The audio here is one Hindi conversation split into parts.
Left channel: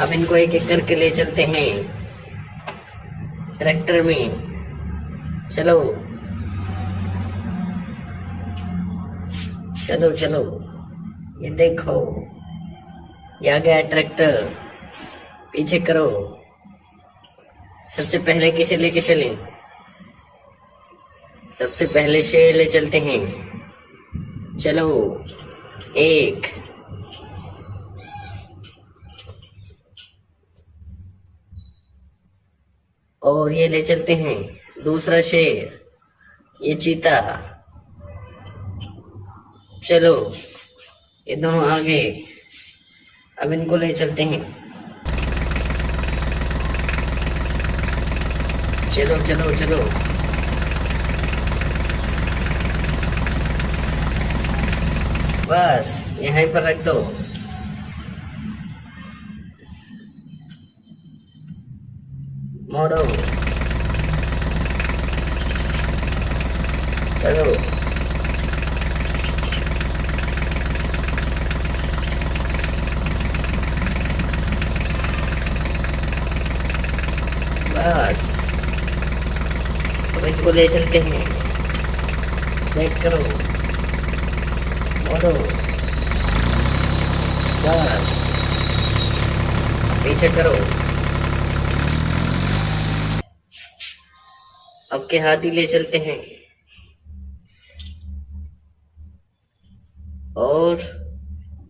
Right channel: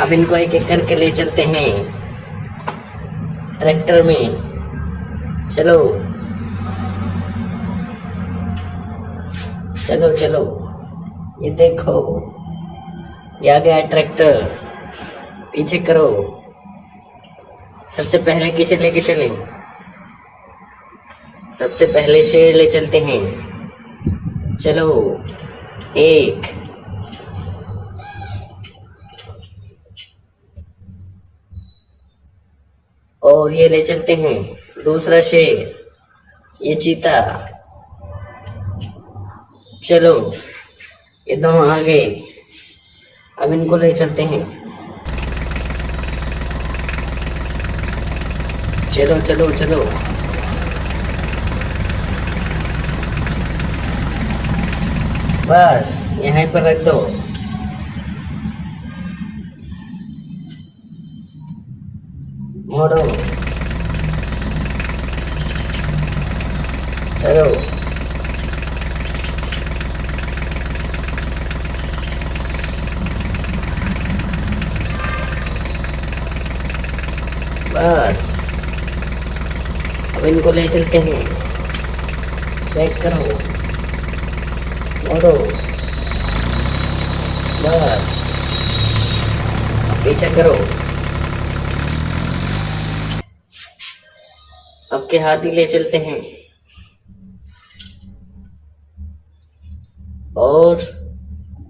अब इनको एक एक करके ले चलते हैं ट्रैक्टर में। चलो चलो चलो, ये देखो, ये आ गया ट्रैक्टर। पीछे करो। सबसे पहले किसे लेके चलें? सबसे पहले शेर ले चलते हैं। चलो, एक, और ये ले चलते हैं दूसरा शेर, ये चीता। चलो, ये दोनों आगे। अब इनको ले चलते हैं। चलो चलो चलो, बस यहीं पर रख दो। मोड़ो। चलो, बस अब इनको ले चलते हैं। बैक करो, मोड़ो, बस पीछे करो। अब के हाथी ले चलते हैं और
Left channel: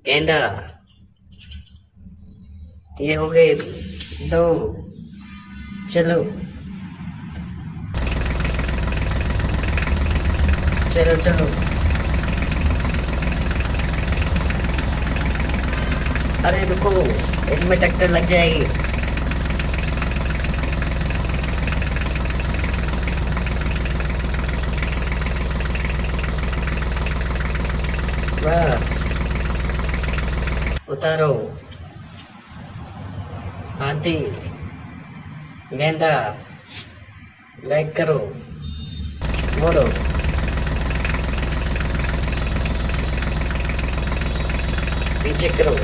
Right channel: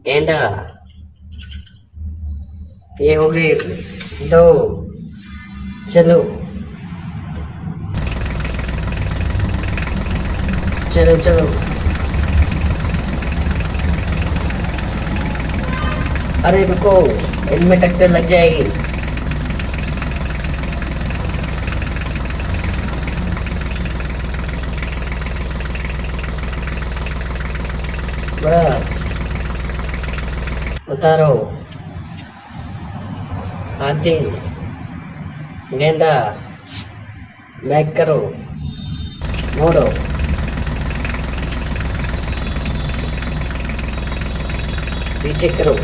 गेंदा। ये हो गए दो। चलो चलो चलो, अरे रुको, इनमें टक्कर लग जाएगी। बस उतारो। हाथी, गेंदा, बैक करो, मोड़ो, पीछे करो।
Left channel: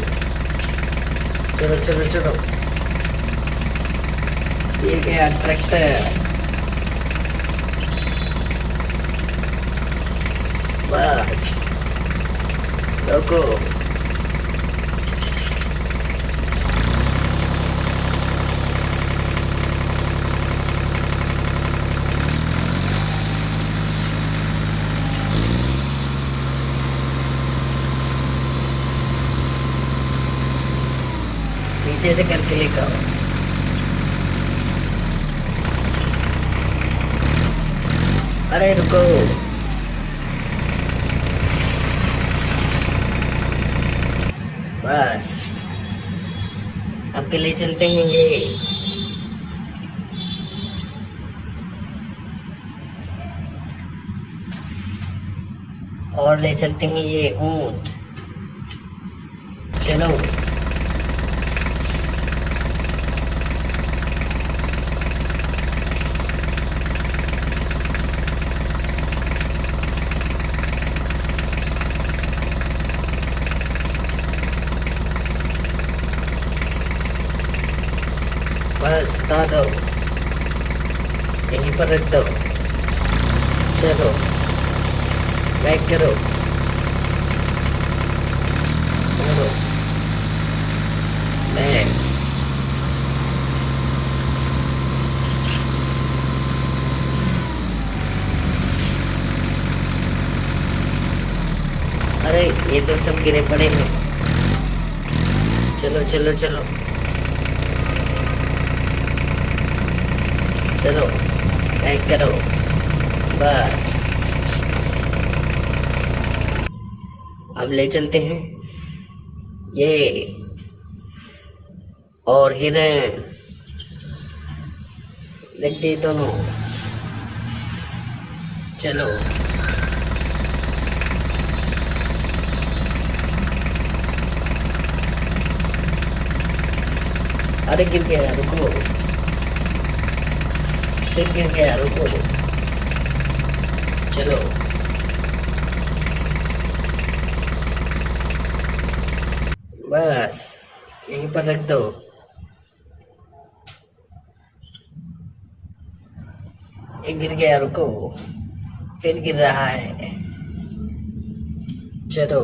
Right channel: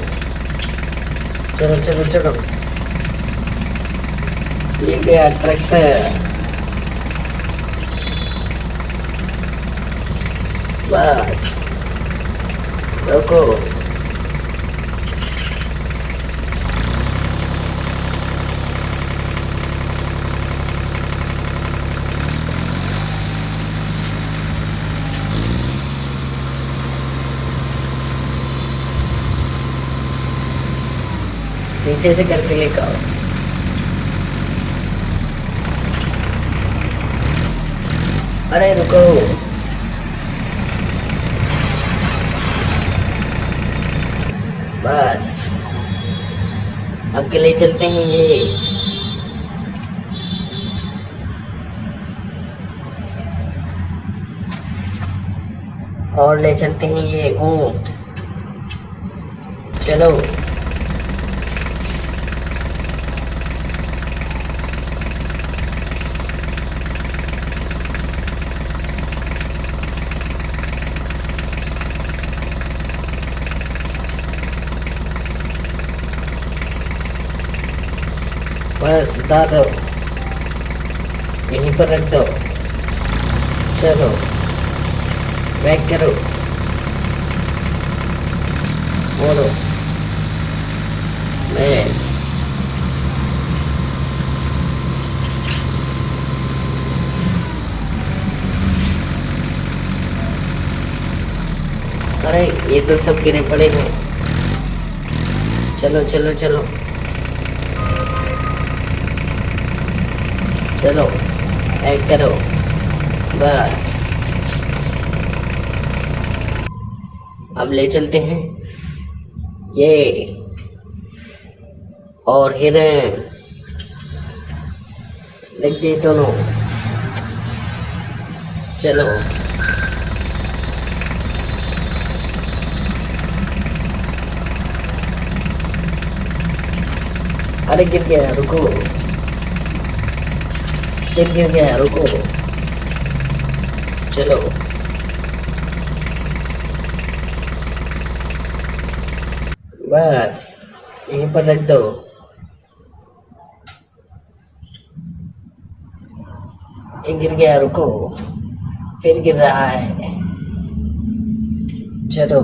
चलो चलो चलो, ये गया ट्रैक्टर। बस रुको। नीचे से करके लेकर आओ। अरे रुको, बस अब के लिए चलते हैं ये। और ले चलते हैं ये ऊंट। चलो, बस उतार दो, यहीं पर रख दो। चलो, बैक करो, मोड़ो, बैक। अरे ये तो सब गिरे पड़े हैं। चलो चलो चलो चलो, बैक करो, बस अब ले चलते हैं ये और हिरन। रख दी दोनों। चलो, अरे गिर गया, रुको, गिर गया, रुको। चलो, बस यहीं पर रख दो। ये गिर गया, रुको, फिर गिर रहा है। चलो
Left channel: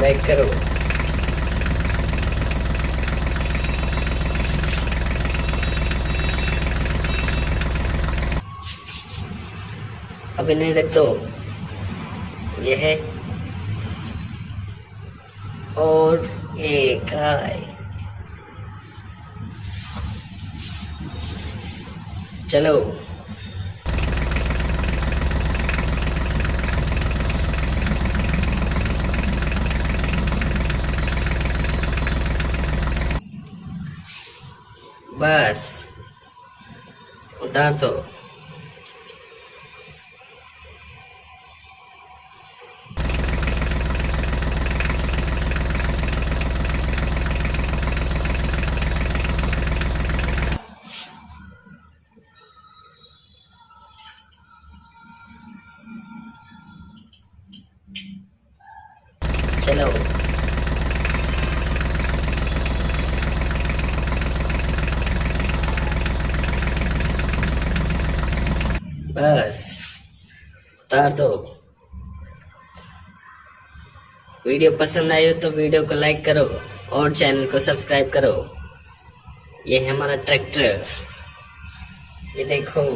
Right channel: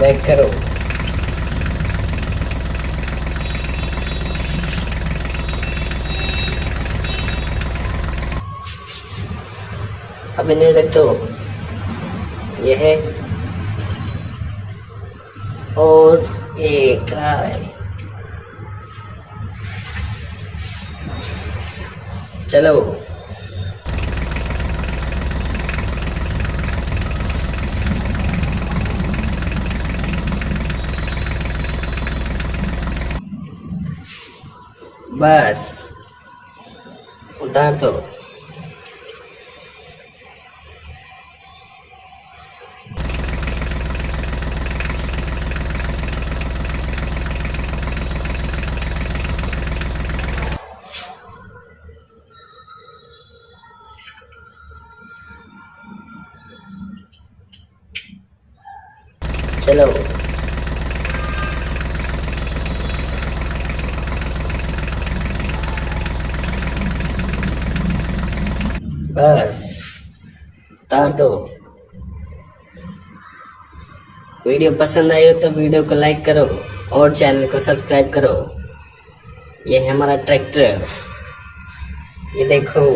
बैक करो। अभी नहीं देख तो ये है, और ये कहाँ है? चलो बस उतार दो। चलो बस उतार दो। वीडियो पसंद आई हो तो वीडियो को लाइक करो और चैनल को सब्सक्राइब करो। ये है हमारा ट्रैक्टर, ये देखो,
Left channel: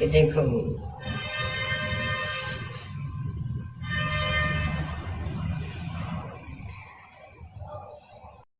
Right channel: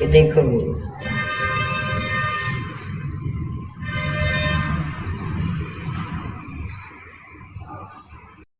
ये देखो।